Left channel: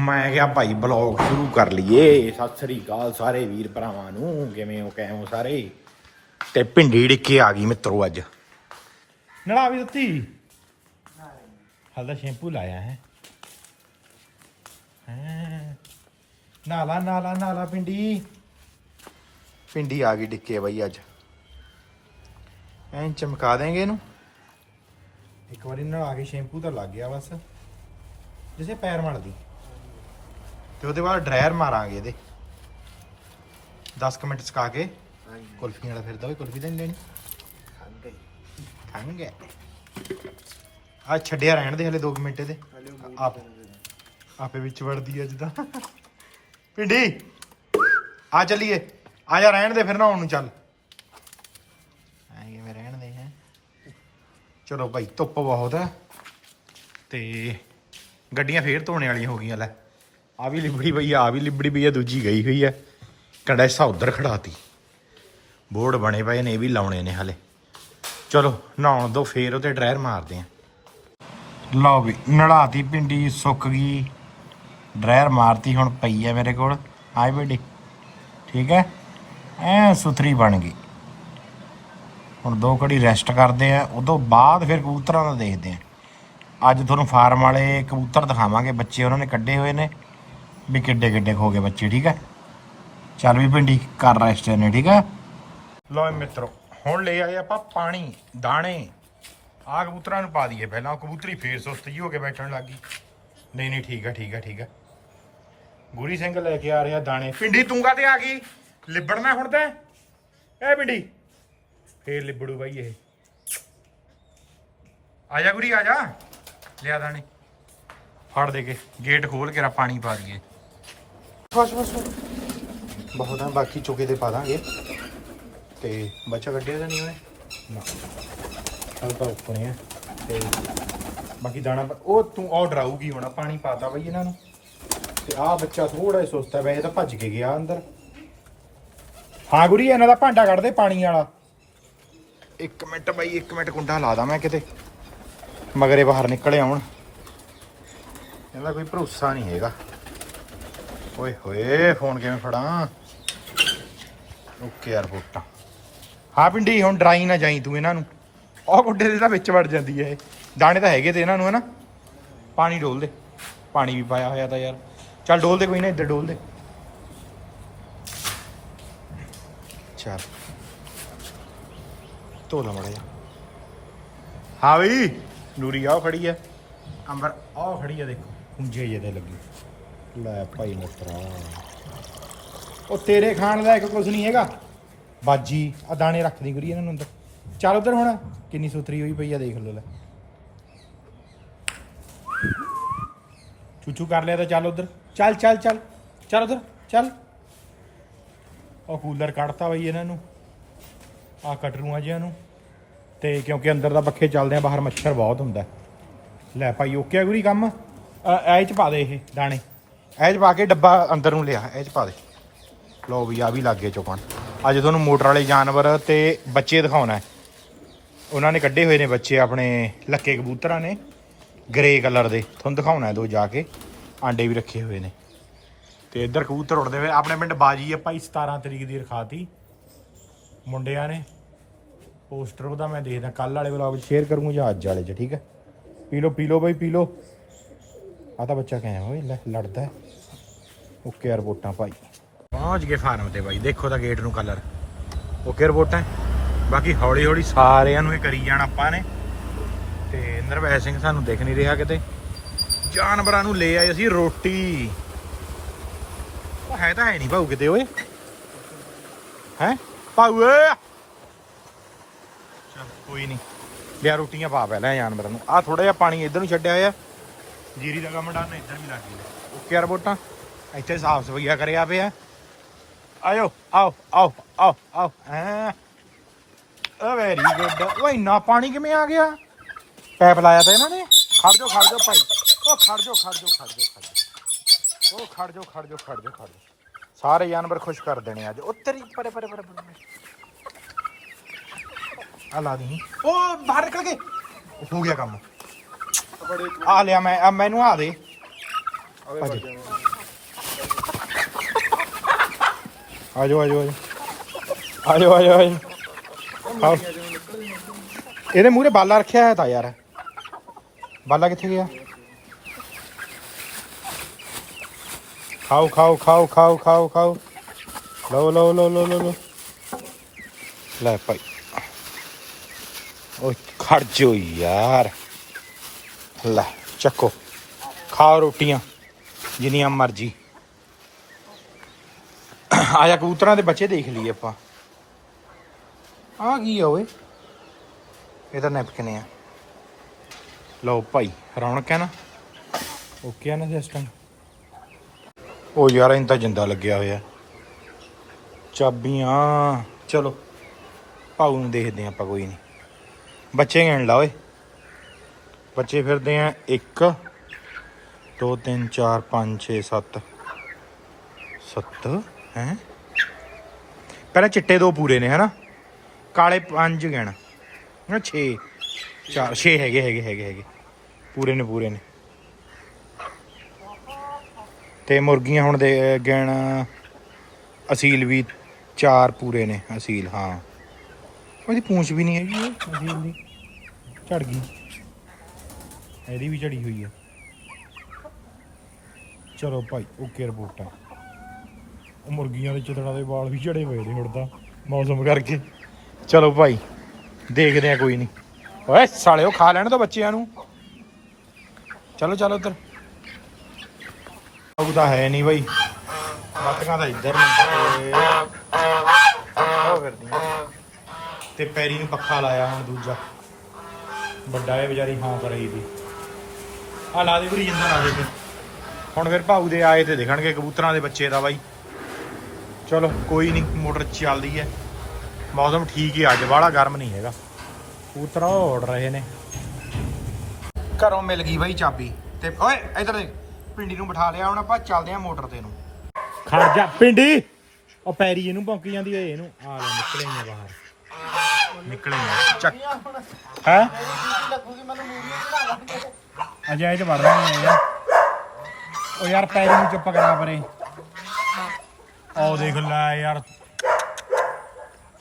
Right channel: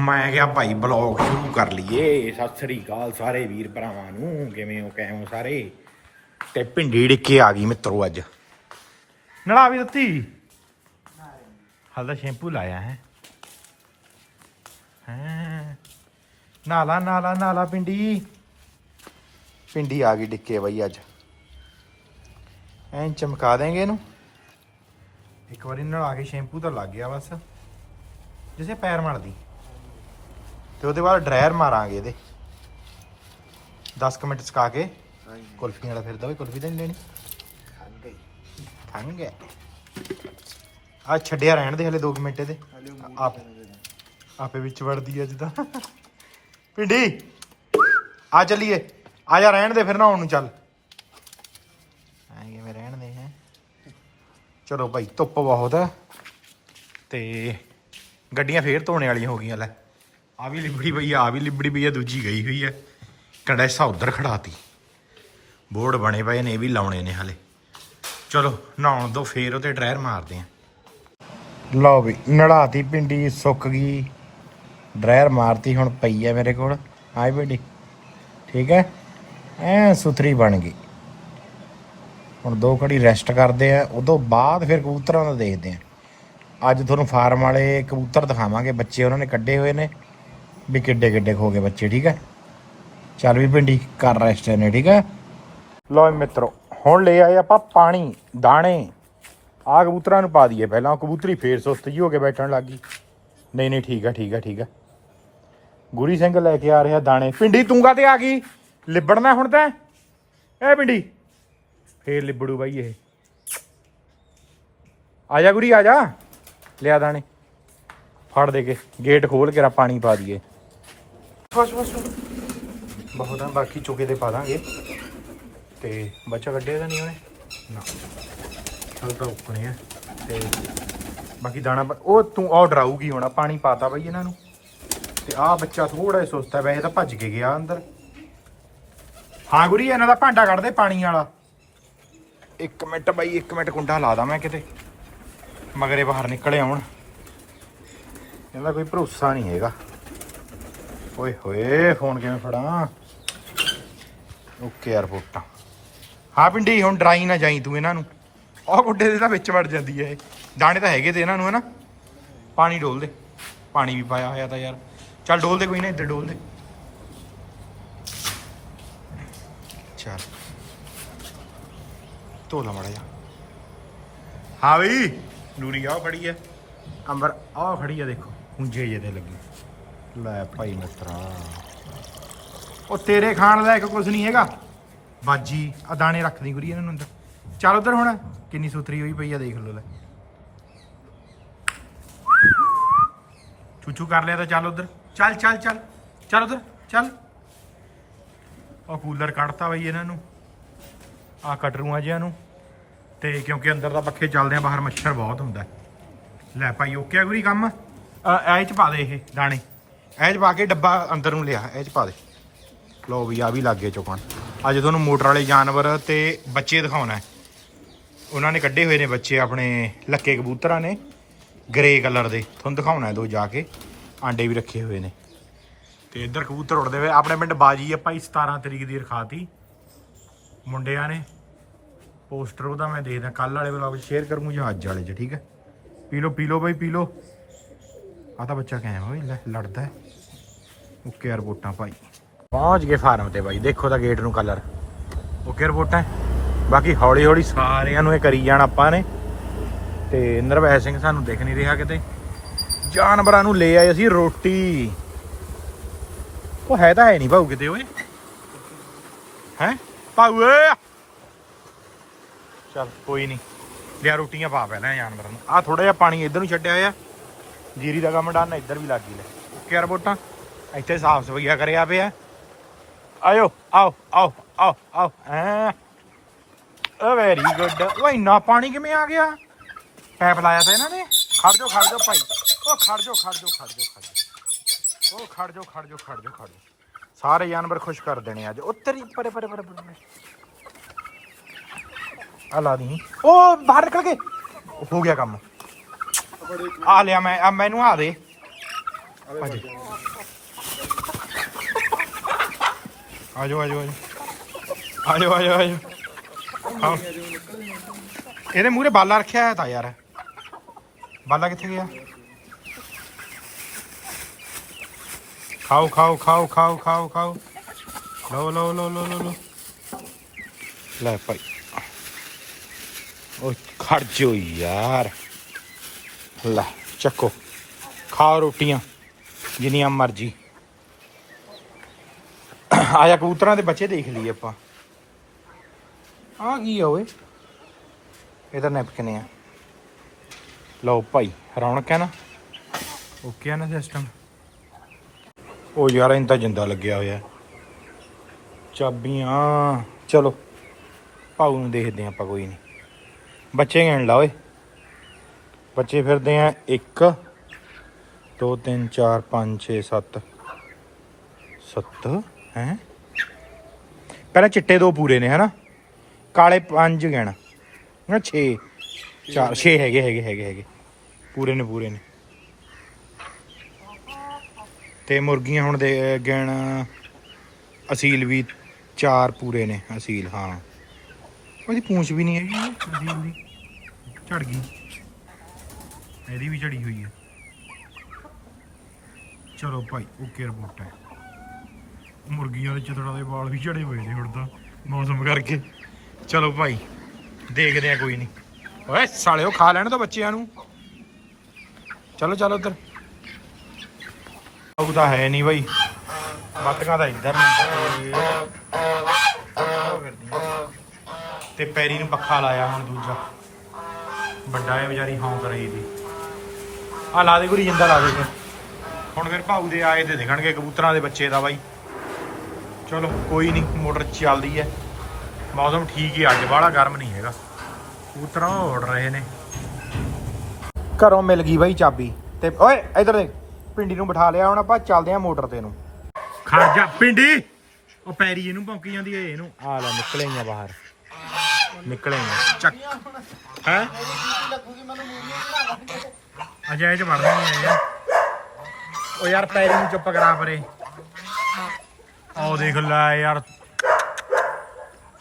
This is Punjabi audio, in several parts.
ਮੈਂ ਕਿਹਾ ਭਾਈ ਬਲੌਗ ਸ਼ੁਰੂ ਕਰ ਲਈਏ। ਸਤਿ ਸ੍ਰੀ ਅਕਾਲ ਸਾਰੇ ਵੀਰ ਭਰਾਵਾਂ ਨੂੰ। ਕਿਵੇਂ ਹੋ ਕਿਵੇਂ ਸਾਰੇ? ਤੇ ਭਿੰਡੀ ਡਿੱਕੇ ਆ ਗਈ ਮਿੱਤਰੋ ਅੱਜ। ਨੜਾ ਵੀ ਦਿੱਤੀ? ਹਾਲ ਹਲਦਾ ਸ਼ੈਂਪੂ ਲਾਇਆ ਹੈ। ਨਾਲਾ ਨਾਲਾ ਨਾਲਾ ਪਿੰਡੀ ਪਿੰਡੀ ਆ ਗਈ ਡਿੱਕੇ ਬਈ ਅੱਜ। ਐਂ ਚਮਕਾ ਦੇਂਗੇ ਇਹਨੂੰ। ਇੱਕ ਵਾਰੀ ਨਲਾ ਕੇ ਸ਼ੈਂਪੂ ਤਾਂ ਲੱਗ ਗਿਆ ਬਸ। ਜਿਸੇ ਪੈਰ ਮਲਦੀ ਤੇ ਉਹਦੇ ਬਾਅਦ ਡਰਾਇਰ ਮਾਰਾਂਗੇ ਇਹਦੇ। 10 ਕੁ ਮਿੰਟ ਸਕਾ ਕੇ ਕੁਲਫੀਆਂ ਵਾਲਾ ਫਿਰਦਾ ਵੀ ਕੁਲਫੀ ਤਾਂ ਨਹੀਂ ਲੈਣੀ? ਖੰਗ ਹੈ ਆ ਛੱਡਿਆ ਰਹਿਣ ਦੇ ਹਲੇ 2 ਮਿੰਟ ਇਹਦੇ। ਆਪ ਆਪੇ ਵਿੱਚ ਵੜਦੀ ਅੱਜ ਦਾ ਪਿੰਡੀ ਆ ਚੱਲੀਏ। ਆ ਜਾ ਰਹਿਣ ਦੇ ਫਿਰ ਨਹਾਉਣ ਨੂੰ ਚੱਲ। ਐਂ ਕਿਵੇਂ ਰਹਿਣ ਦੇ ਹੈ? ਚਲੋ ਭਾਈ ਧੁੱਪ ਬਹੁਤ ਹੈ ਤੇ ਗੱਡੀਆਂ ਫੇਰ ਧੋਣੇ ਵਾਲੀਆਂ ਹੋ ਗਈਆਂ ਲੈ। ਆ ਵੀ ਲਿਬੜੀ ਪਈ ਆ ਆਹ ਵੀ ਲਿਬੜੀ ਪਈ ਆ, ਦੂਜੀ ਗਈ ਹੋਈ ਹੈ ਕੰਡੈਸਾ ਉਧਰ ਖੜਾਤੀ। ਬੋਰਡ ਬਣੇ ਪਏ ਨੇ, ਇਹ ਵੀ ਲਾਉਣੇ ਨੇ ਹਲੇ। ਚਲੋ, ਨਹਾਉਣ ਦੋ, ਫੇਰ ਉਹਤੇ ਡਰਾਇਰ ਮਾਰਦੇ ਆ। ਲਓ ਵੀ, ਨੜਾਤੀ ਪਿੰਡੀ, ਸੁੱਕ ਗਈ। ਡਰਾਇਰ ਮਾਰਤੀ ਹੁਣ ਪਈ ਹੈ ਮੇਰੇ ਕੋਲ। ਆਈ ਬੇਟੀ, ਠੀਕ ਹੈ? ਐ ਸੁਥਰੀ ਬਣ ਗਈ। ਹੁਣ ਦੋ ਘੜੀ ਰੈਸਟ ਕਰਦੇ ਆ, ਉਦੋਂ ਬਾਅਦ ਫਿਰ ਕਬੂਤਰਾਂ ਦਾ ਦੇਖਦੇ ਆ। ਅੱਜ ਤੁਹਾਨੂੰ ਫਾਰਮ ਵਾਲੇ ਕਬੂਤਰ ਦਿਖਾਵਾਂਗੇ, ਬੱਚੇ ਉਹਨਾਂ ਨੇ ਕੱਢੇ ਹੋਏ ਨੇ। ਵੀ ਕਿੱਡੇ ਕਿੱਡੇ ਹੋ ਗਏ ਬੱਚੇ, ਠੀਕ ਹੈ ਚੱਲ ਵੀ ਪਿੰਡੀ ਕਰ ਰੈਸਟ ਨੇ ਠੀਕ ਹੈ ਲੋ ਮਿੱਤਰੋ, ਹੁਣ ਲੈ ਆਏ ਆਪਾਂ ਪਾਣੀ, ਦਾਣੇ। ਆ ਕਬੂਤਰਾਂ ਨੂੰ ਪਾ ਦਈਏ ਪਹਿਲਾਂ ਕਬੂਤਰੀ ਫੇਰ ਸੁਸਤ ਜੀ ਹੋ ਕੇ ਬੈਠਣ ਲੱਗ ਗਈ। ਨਹੀਂ ਨਹੀਂ, ਠੀਕ ਆ ਠੀਕ ਆ ਠੀਕ ਆ। ਗੁਰੀ ਸਿੰਘ ਲੈ ਕੇ ਆ ਰਿਹਾ ਦਾਣੇ। ਪਿੰਡੀ ਤੂੰਗਾ ਤੇ ਆ ਗਈ? ਲਿਬੜਨਾ ਹੁਣ ਤਾਂ? ਐ ਪਿੰਡੀ ਫੇਰ ਲਿਬੜੂ ਬਾਈ ਇਹ। ਆ ਜਾ ਗੁਰੀ, ਆ ਜਾ। ਲਿਆ ਦਾਣੇ। ਫੜ ਦੇ ਕੇ, ਗੇਟ ਖੋਲ ਕੇ ਰਾ ਪਾਣੀ ਪਾ ਦਈਏ। ਬਸ ਬਸ ਬਹੁਤ ਆ, ਬਾਕੀ ਚੁਕੇ ਤੇ ਪਾ ਦਾਂਗੇ। ਤੇ ਬੱਚਾ ਕੱਢਿਆ ਤਾਂ ਨਹੀਂ ਉਹਨੇ? ਨਾ। ਹਲ ਤਾਂ ਉੱਪਰ ਹੈ ਤੇ ਬਾਕੀ ਦਾਣਾ ਉਹ ਤੂੰ ਆਰਡਰ ਆਊਗੀ ਹੁਣ ਪਾਣੀ ਪਾਤਾ ਬਈ ਇਹਨਾਂ ਨੂੰ। ਤੇ ਆਹ ਬੱਚਾ ਥੋੜਾ ਜਿਹਾ ਸੁਸਤ ਹੈ, ਵੈਸੇ ਤਾਂ ਭੱਜ ਕੇ ਗਿਆ ਅੰਦਰ। ਹਾਂ ਗੁਰੀ, ਇਹਨਾਂ ਦਾ ਭਾਂਡਾ ਕੱਢ ਦੇ ਪਾਣੀ ਵਾਲਾ। ਇੱਕ ਮਿੰਟ ਬਾਈ, ਇੱਕ ਮਿੰਟ ਕੁੰਡਾ ਲਾ ਦਾਂ ਮੈਂ ਕਿਤੇ। ਮਗਰੇ ਬਾਹਰ ਨਿਕਲੇ ਆਉਣ। ਇਹਦਾ ਕੋਈ ਭਰੋਸਾ ਨਹੀਂ ਹੈਗਾ। ਓਏ ਹੋਏ, ਫੋਨ ਕਿਵੇਂ ਫੜਾਂ? ਓਕੇ 에어ਪੋਰਟਾਂ ਹਾਂ ਪਿੰਡੀ, ਹੁਣ ਡਰਾਈ ਨਾ ਜਾਈ ਤੂੰ ਇਹਨਾਂ ਨੂੰ। ਆਹ ਗੁੱਡੇ ਦੇ ਤਾਂ ਵਿੱਚ ਵੜ ਜਾਂਦੀ ਹੈ ਇਹ। ਦਾਣੇ ਤਾਂ ਹੈਗੇ ਤੇ ਇਹਨਾਂ ਨੂੰ, ਹਨਾ? ਪਾਣੀ ਡੋਲ ਦੇ। ਪਾਣੀ ਵੀ ਪਾਇਆ ਹੋਇਆ ਤਾਂ ਯਾਰ। ਚੱਲ ਡੋਲ ਦੇ ਕੋਈ ਨਾ, ਇੱਧਰ ਡੋਲ ਦੇ। ਚੱਲ। ਧੋ ਲਾ ਮੜਾ ਜਾ ਹਾਂ ਬਈ। ਨੂਰੀ ਆਹ ਖੜੀ ਹੈ ਅੰਬਰ, ਆਹ ਖੜੀ ਹੈ ਦੇਖੋ। ਹੁੰਜੇ ਜੇ ਲੱਗੀ। ਲੈ ਭਾਈ ਮਿੱਤਰਾ। ਉਹ ਤੇਰੇ ਖਾਣ ਦਾ ਇੱਕ ਕੁਝ ਨਹੀਂ ਹੈਗਾ। ਬਾਜੀ ਆ ਦਾਣੇ ਰੱਖਦੀ ਗੁਰੀ ਇਹਨਾਂ ਨੂੰ ਅੰਦਰ। ਚੱਲ ਉਧਰ ਹੁਣ, ਕਿੰਨੀ ਸੁਥਰੀ ਹੋਈ ਪਈ ਆ ਦੇਖ ਲਓ ਲੈ। ਚੂਚੂ ਕਰ ਲਿਆ ਤਾਂ ਚੱਲ ਉਧਰ। ਚੱਲ ਚੱਲ ਚੱਲ। ਚੱਲ ਉਧਰ, ਚੱਲ। ਉਹ ਕੂਲਰ ਕੱਢਤਾ ਬਈ ਇਹਨਾਂ ਨੂੰ। ਆ ਕਟਰੂਆਂ ਜਿਹਾਂ ਨੂੰ। ਤੇ ਕਿਉਂਕਿ ਅੰਦਰ ਦਾ ਪੱਖੇ ਚੱਲਦੇ ਆ, ਬਾਹਰ ਮੱਛਰ ਬਹੁਤ ਹੁੰਦਾ। ਲੈ ਭਾਈ, ਓਕੇ ਆ ਗੁਰੀ ਕੰਮ? ਆ ਇਹ ਚ ਪਾ ਦੇ ਇਹ ਦਾਣੇ। ਇਹ ਚ ਪਾ ਕੇ ਡੱਬਾ ਅੰਦਰ ਨੂੰ ਲਿਆ, ਇਹ ਚ ਪਾ ਦੇ। ਲਓ ਵੀ ਆ ਵੀ ਲੱਗੇ ਚੁਕਣ। ਅੱਜ ਤੁਹਾਨੂੰ ਮੋਟਰ ਵਾਲੇ ਜਾਨਵਰ ਤੇ ਬੱਚੇ ਦਿਖਾਉਣਾ ਹੈ। ਉਹਨਾਂ ਨੇ ਕੱਢੇ ਹੋਏ ਨੇ ਬੱਚੇ ਆਪਣੇ ਲੱਕੇ ਕਬੂਤਰਾਂ ਨੇ ਗ੍ਰੇ ਕਲਰ ਦੇ। ਤੁਹਾਨੂੰ ਦਿਖਾਉਣਾ ਹੈ ਦੋ ਜਾ ਕੇ, ਆਂਡੇ ਵੀ ਰੱਖੇ ਹੋਏ ਨੇ। ਤੇ ਇੱਧਰ ਕਬੂਤਰ ਉੜਦੇ ਹੋਏ, ਆਪਣੇ ਪਿੰਡ ਬਾਜੀ ਆ ਭਾਈ 17 ਤਰੀਕ ਦੀ ਰਖਾਤੀ। ਮੁੰਡਿਆਂ ਨੇ ਪੋਸਟਰ ਉਹਦਾ ਮੈਂ ਦੇਖਦਾ ਕੱਲ ਵਾਲੇ ਵਲੌਗ ਸ਼ੇਅਰ ਕਰੂੰਗਾ ਜਾਂ ਅੱਜ ਵਾਲੇ 'ਚ, ਠੀਕ ਹੈ? ਪੀ ਲਓ ਪੀ ਲਓ ਬਾਈ, ਪੀ ਲਓ। ਆ ਤਾਂ ਬੱਚਾ ਕਹਿਆ ਓਏ ਲੈ, ਲੜਦਾ ਹੈ। ਓਕੇ ਰਿਪੋਰਟਾਂ ਭਾਈ ਪਹੁੰਚ ਗਏ ਫਾਰਮ ਤੇ ਬਾਈ। ਦੇਖੋ ਤਾਂ ਗੇਟ ਨੂੰ ਕਲਰ ਓਕੇ ਰਿਪੋਰਟਾਂ ਬਾਕੀ ਹੌਲੀ ਹੌਲੀ ਸਾਰਿਆਂ ਨੂੰ ਇਹ ਕਰੀ ਜਾਣ ਆਪਾਂ ਨੇ। ਤੇ ਨਰਵੈ ਸਿੰਘ ਸਾਨੂੰ ਦਿਖ ਨਹੀਂ ਰਿਹਾ ਕਿਤੇ। ਜਾਨਵਰਾਂ ਨੂੰ ਲੈ ਆਏ ਅਸੀਂ ਰੋਟੀ। ਉਹ ਹੈ ਤਾਂ ਹੈ ਨਹੀਂ ਭਾਊ ਕਿਤੇ, ਓਏ। ਹੈ? ਭਾਊ, ਓਏ। ਚੱਲ, ਕੋਈ ਨਹੀਂ। ਲਿਆ ਰੋਟੀਆਂ ਪਾ ਪਹਿਲਾਂ ਜਾਨਵਰਾਂ ਨੂੰ। ਆ ਥੋੜਾ ਜਿਹਾ ਪਾਣੀ ਇੱਧਰ ਨੂੰ ਛੱਡਿਆ ਹੋਇਆ ਜੀਰੀ ਦਾ ਕੰਮ ਡਾਨ ਇੱਧਰ ਵੀ ਲੱਗ ਗਈ ਲੈ। ਓਕੇ ਯਾਰ ਬੋਟਾਂ ਇੱਥੇ ਸਾਫ਼ ਸਫਾਈਆ ਕਰਿਆ ਪਿਆ ਆਇਓ, ਆਓ ਆਓ ਆਓ ਆਓ ਐ ਓ ਵੈਰੀ ਗੁੱਡ ਉਹ ਇੰਨਾ ਪਾਣੀ ਕਿਵੇਂ ਆ ਗਿਆ? ਪੈਪ ਲਾਇਆ ਤਾਂ ਇਹਨਾਂ ਨੇ? ਖੜ ਜਾਓ ਖੜ ਜਾਓ ਭਾਈ। ਉਹ ਖੜ ਜਾਓ ਖੜ ਜਾਓ ਖੜ ਜਾਓ ਖੜ ਜਾਓ। ਓ, ਖੜ ਜਾਓ ਖੜ ਜਾਓ ਖੜ ਜਾਓ ਖੜ ਜਾਓ। ਸਾਰੇ ਜਾਨਵਰ ਖੁਸ਼ ਕਰ ਦੇਣੇ ਅੱਜ। ਉੱਤਰੀ ਪਰੇ ਪਰੇ ਪਰੇ ਪਰੇ। ਆ ਲਾ ਦੀ ਓ, ਬਾਹਰ ਨਿਕਲ ਗਏ। ਹੋ ਗਿਆ ਕੰਮ। ਆ ਲਿਆ ਮੈਂ, ਆ ਮੈਨੂੰ ਆ ਦੇ। ਭੱਜ ਆ ਜਾਓ ਆ ਜਾਓ ਆ ਜਾਓ। ਆ ਜਾਓ, ਆ ਆਓ। ਇਹਦੇ ਮੂਹਰੇ ਬਾਲਾ ਰੱਖਿਆ ਹੈ ਤਾਂ ਯਾਰ। ਬਾਲਾ ਕਿੱਥੇ ਗਿਆ? ਖਾਓ ਖਾਓ ਖਾਓ ਖਾਓ ਖਾਓ ਖਾਓ। ਲਓ ਲਓ ਲਓ ਲਓ ਲਓ ਲਓ। ਲੈ ਭਾਈ। ਉਹ ਖੜ ਜੋ ਯਾਰ। ਲੈ ਚੱਕੋ। ਖਾਓ ਰੋਟੀਆਂ ਜਿੰਨੀਆਂ ਮਰਜ਼ੀ। ਆਇਆ ਕਬੂਤਰਾਂ ਦੇ ਬੱਚੇ ਦੇਖ ਲਈਏ ਆਪਾਂ। ਆ ਕੀ ਆ ਓਏ? ਇਹ ਤਾਂ ਨੈਪਕਿਨ ਆ। ਲਓ ਭਾਈ ਰੌਣਕ ਹੈ ਨਾ? ਓਕੇ ਆ ਨਾ ਸਿਸਟਮ ਉਹ ਯਾਰ ਇਹਨਾਂ ਤਾਂ ਜਿੰਦਾ ਲੱਗਿਆ ਹੋਇਆ। ਚਾਬੀਆਂ ਚਲੋ। ਭਾਊ ਨੂੰ ਦੇਖਦੇ ਆਪਾਂ ਕੋਈ ਨਹੀਂ ਬੱਚੇ ਗਿਣ ਲਾ ਓਏ। ਬੱਚੇ ਫਿਰਦੇ ਆ 1 2 3 4 5 6 7 7 ਹੈ? ਪਹਿਲਾਂ ਚਿੱਟੇ ਦੋ ਪੂਰੇ ਨੇ, ਹਨਾ? ਕਾਲੇ ਪੰਜ ਗਿਣ ਨਾ 6 4 6 ਹੈਗੇ ਹੈਗੇ ਹੈਗੇ ਹੈਗੇ। ਪੂਰੇ ਨੇ ਪੂਰੇ ਨੇ। ਤੇ ਮੁਰਗੀਆਂ ਹੁਣ ਦੇ ਗਿਣ ਅਸੀਲ ਵੀ ਚਾਰ ਪੂਰੇ ਨੇ, ਅਸੀਲ, ਹਾਂ। ਉਹਦੀ ਪੂੰਛ ਵੀ ਨਹੀਂ ਹੈਗੀ, ਅਸੀਲ ਦੀ। ਝੜ ਗਈ। ਇਹਦੀ ਵੀ ਝੜੀ ਹੋਈ ਹੈ ਚਲੋ ਭਾਈ ਓਕੇ ਰਿਪੋਰਟ ਹੈ। ਉਹ ਮੁਰਗੀਆਂ ਦੇ ਚਿਤੜਾਂ ਦੇ ਵਾਲ ਵੀ ਝੜੇ ਹੋਏ ਨੇ ਹੁਣ ਤਾਂ, ਮੌਸਮ ਕਰਕੇ। ਚਲੋ ਭਾਈ, ਦੇਖਦੇ ਆ ਕੋਈ ਨਹੀਂ। ਓਏ, ਸਾਲਿਓ ਖਾ ਲੈਣ ਤਾਂ ਬੱਚਿਆਂ ਨੂੰ। ਚਲੋ ਚਲੋ ਉਧਰ। ਉਹ ਤਾਂ ਹੈ ਨਹੀਂ ਬਾਈ ਬੱਤਕਾਂ ਦਾ ਇੱਧਰ ਨਹੀਂ ਉਹ ਫਿਰਦੀਆਂ। ਤੇ ਪੈਰੀ ਨੂੰ ਪੱਖਾ ਲਾਇਆ ਹੁਣ ਦੂਜਾ। ਵੱਡਾ ਹੈ ਵਿਚਾਰੀ ਹੌਂਕ ਰਹੀ ਦੀ ਆ ਲਾ ਦੇ ਗੁਰੀ, ਜਿੰਦਾ ਲਾ ਦੇ ਫਿਰ। ਹੁਣ ਫਿਰ ਭਾਊ ਦੇ ਆਏ ਤੇ ਦਿਖਣਗੇ ਕਬੂਤਰਾਂ ਦੇ ਬੱਚੇ ਦਾ ਬਾਈ। ਚਲੋ, ਕੋਈ ਨਹੀਂ, ਮੋਟਰ ਚੱਲਦੀ ਹੈ ਮੌਸਮ ਠੀਕ ਹੀ ਅੱਜ ਵਾਲਾ ਗਰਮ ਨਹੀਂ ਹੈਗਾ। ਕਬੂਤਰ ਉੜ ਰਹੇ ਨੇ। ਘਰੋਂ ਮਿਲ ਗਈ ਬਾਈ ਚਾਬੀ। ਤੇ ਓਏ, ਇਧਰ ਦੇਖ, ਪਿੰਡੀ ਨੂੰ ਬਿਠਾ ਲਿਆ, ਹੁਣ ਆਪਾਂ ਚੱਲਦੇ ਆ ਮੋਟਰ ਤੇ ਨੂੰ। ਖੜ ਜਾ, ਪਿੰਡੀ! ਉਹ ਪੈਰੀ ਇਹਨੂੰ ਭੌਂਕੀ ਜਾਂਦੀ ਏ, ਇਹਨੂੰ। ਆ ਲੈ, ਨਿਕਲੇ ਆ ਬਾਹਰ। ਨਿਕਲੇ ਆ। ਚੱਕ। ਹੈ? ਅਜੇ ਇਹ ਵੜ ਰਹੇ ਨੇ ਯਾਰ। ਉਹ ਯਾਰ ਪੈਰੀ ਨੂੰ ਚੁੱਪ ਕਰਾ ਪਰੇ। ਉਹ ਦੇਖ ਲੈ ਯਾਰ।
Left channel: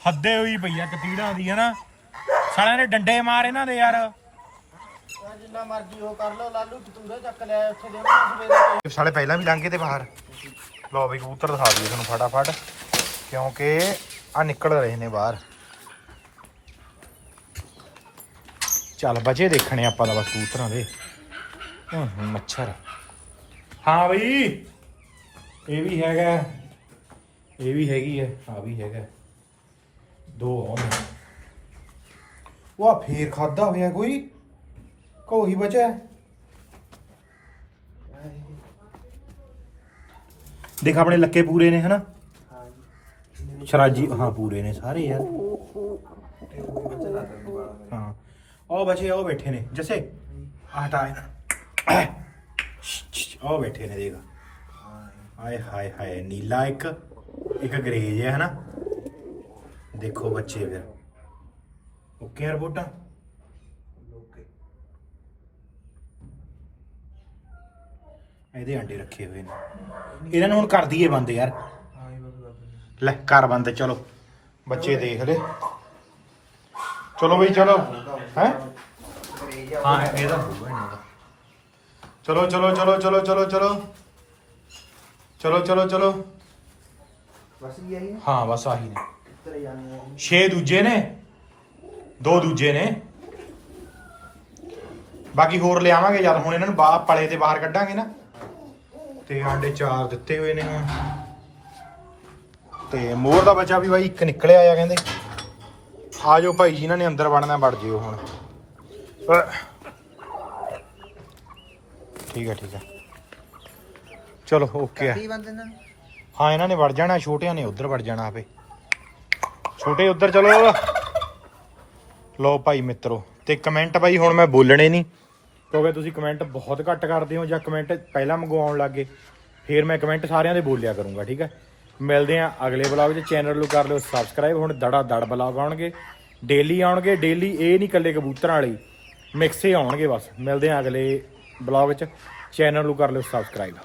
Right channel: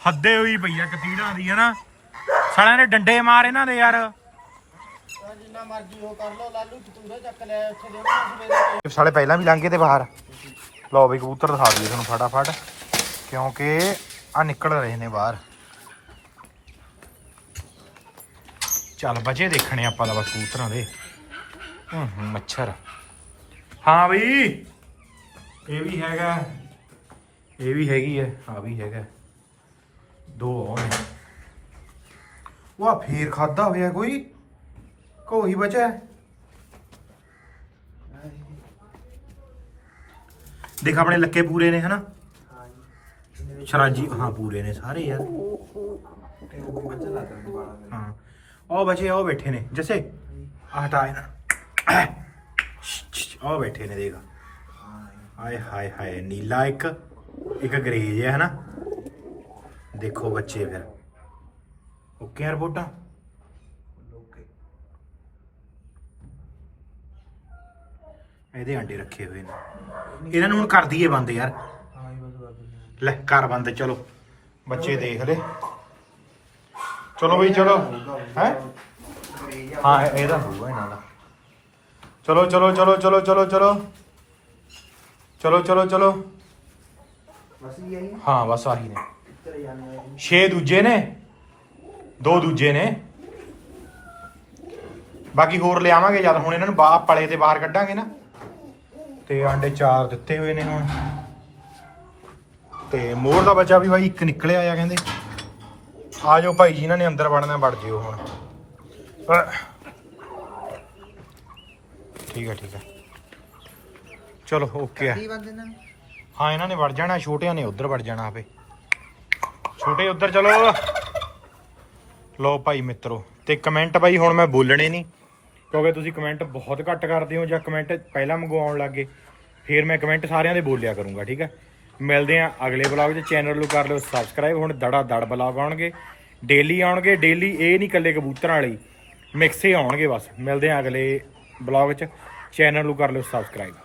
ਹੱਦੇ ਹੋਈ ਪਈ ਆ ਕਤੀੜਾਂ ਦੀ ਹਨਾ? ਸਾਲਿਆਂ ਨੇ ਡੰਡੇ ਮਾਰ ਇਹਨਾਂ ਦੇ ਯਾਰ। ਜਿੰਨਾ ਮਰਜ਼ੀ ਉਹ ਕਰ ਲਓ ਲਾਲੂ ਤੂਰੇ ਚੱਕ ਲਿਆ ਉੱਥੇ ਦੇਵਾਂਗੇ ਸਵੇਰੇ ਸਾਲੇ ਪਹਿਲਾਂ ਵੀ ਲੰਘੇ ਤੇ ਬਾਹਰ। ਲਓ ਬਈ ਕਬੂਤਰ ਦਿਖਾ ਦਈਏ ਤੁਹਾਨੂੰ ਫਟਾਫਟ ਕਿਉਂਕਿ ਆ ਨਿਕਲ ਰਹੇ ਨੇ ਬਾਹਰ। ਚੱਲ ਬਚੇ ਦੇਖਣੇ ਆਪਾਂ ਦਾ ਬਸ ਕਬੂਤਰਾਂ ਦੇ। ਹੂੰ ਹੂੰ, ਮੱਛਰ। ਹਾਂ ਬਈ ਇਹ ਵੀ ਹੈਗਾ। ਇਹ ਵੀ ਹੈਗੀ ਹੈ ਆ ਵੀ ਹੈਗਾ। ਦੋ ਆਉਣ। ਨੇ ਉਹ ਆ ਫੇਰ ਖਾਦਾ ਹੋਇਆ ਕੋਈ? ਕੋਈ ਬਚਿਆ। ਹੈ? ਦੇਖ ਆਪਣੇ ਲੱਕੇ ਪੂਰੇ ਨੇ ਹਨਾ? ਸ਼ਰਾਜੀ ਹਾਂ ਪੂਰੇ ਨੇ ਸਾਰੇ ਯਾਰ। ਹਾਂ। ਉਹ ਬੱਚੇ ਉਹ ਬੈਠੇ ਨੇ। ਜੱਸੇ ਆ ਹਟਾ ਇਹਨਾਂ। ਉਹ ਬੈਠੇ ਨੇ ਦੇਖ। ਹਾਏ ਹਾਏ ਹਾਏ, ਨੀਲਾ ਇੱਕ ਇੱਕ ਗਰੇਜ ਹੈ, ਹਨਾ? ਦੇਖੋ ਬੱਚੇ ਫਿਰ। ਓਕੇ ਯਾਰ ਬੋਟਾ ਇਹਦੇ ਅੰਡੇ ਰੱਖੇ ਹੋਏ ਨੇ। ਇਹਨਾਂ ਨੂੰ ਹੁਣ ਕਰ ਦਈਏ ਬੰਦ ਯਾਰ। ਲੈ, ਕਰ ਬੰਦ, ਚਲੋ। ਬੱਚੇ ਦੇਖ ਲੈ। ਚਲੋ ਵੀ ਚਲੋ। ਹੈ? ਹਾਂ ਇਹਦਾ ਹੋਊਗਾ ਇਹਨਾਂ ਦਾ। ਚਲੋ ਚਲੋ ਚਲੋ ਚਲੋ ਚਲੋ ਚਲੋ। ਚਲੋ ਚਲੋ ਚਲੋ। ਬਸ ਹੀ ਆਈ ਹਾਂ ਬਸ ਆਹੀ ਨੇ ਤੇਰੇ ਜਾਣੇ 6 ਦੂਜੇ ਨੇ? ਦੋ ਦੂਜੇ ਨੇ? ਬਾਕੀ ਹੋਰ ਲਿਆਵਾਂਗੇ ਜਦ ਹੁਣ ਇਹਨਾਂ ਨੂੰ ਬਾਹਰ ਪਲੇ ਤੇ ਬਾਹਰ ਕੱਢਾਂਗੇ ਨਾ। ਤੇ ਆਂਡੇ ਚਾਰ ਦਿੱਤੇ ਹੋਏ ਨੇ ਹੁਣ। ਤੇ ਮੋਰ ਦਾ ਬੱਚਾ ਵੀ ਬਾਈ ਇੱਕ ਨਿਕਲਿਆ ਆ ਕਹਿੰਦੇ। ਆ ਜਾਓ ਭਾਈ ਜਿਨ੍ਹਾਂ ਨੇ ਅੰਦਰ ਵੜਨਾ ਵੜ ਜਿਓ ਹੁਣ। ਠੀਕ ਆ ਠੀਕ ਆ ਚਲੋ ਓਕੇ ਆ ਕੀ ਬੰਦੇ ਨੇ। ਹਾਂ ਇਹਨਾਂ ਨੇ ਵੜ ਜਾਣਾ ਛੋਟਿਆਂ ਨੇ ਉੱਧਰ ਵੜ ਜਾਣਾ ਆਪੇ। ਛੋਟੇ ਉੱਧਰ ਚਲੋ। ਲੋ ਭਾਈ ਮਿੱਤਰੋ ਤੇ ਕਮੈਂਟ ਬਾਈ ਹੁਣ ਮੈਂ ਬੋਲਣੇ ਨਹੀਂ। ਕਿਉਂਕਿ ਤੁਸੀਂ ਕਮੈਂਟ ਬਹੁਤ ਘੱਟ ਕਰਦੇ ਹੋ ਜਾਂ ਕਮੈਂਟ ਪਹਿਲਾਂ ਮੰਗਵਾਉਣ ਲੱਗੇ ਫਿਰ ਮੈਂ ਕਮੈਂਟ ਸਾਰਿਆਂ ਦੇ ਬੋਲਿਆ ਕਰੂੰਗਾ ਠੀਕ ਹੈ? ਮਿਲਦੇ ਆ ਅਗਲੇ ਬਲੌਗ 'ਚ। ਚੈਨਲ ਨੂੰ ਕਰ ਲਿਓ ਸਬਸਕ੍ਰਾਈਬ ਹੁਣ ਦੜਾ ਦੜ ਬਲੌਗ ਆਉਣਗੇ। ਡੇਲੀ ਆਉਣਗੇ ਡੇਲੀ ਇਹ ਨਹੀਂ ਇਕੱਲੇ ਕਬੂਤਰਾਂ ਵਾਲੇ ਮਿਕਸ ਆਉਣਗੇ ਬਸ। ਮਿਲਦੇ ਆ ਅਗਲੇ ਬਲੌਗ 'ਚ ਚੈਨਲ ਨੂੰ ਕਰ ਲਿਓ ਸਬਸਕ੍ਰਾਈਬ।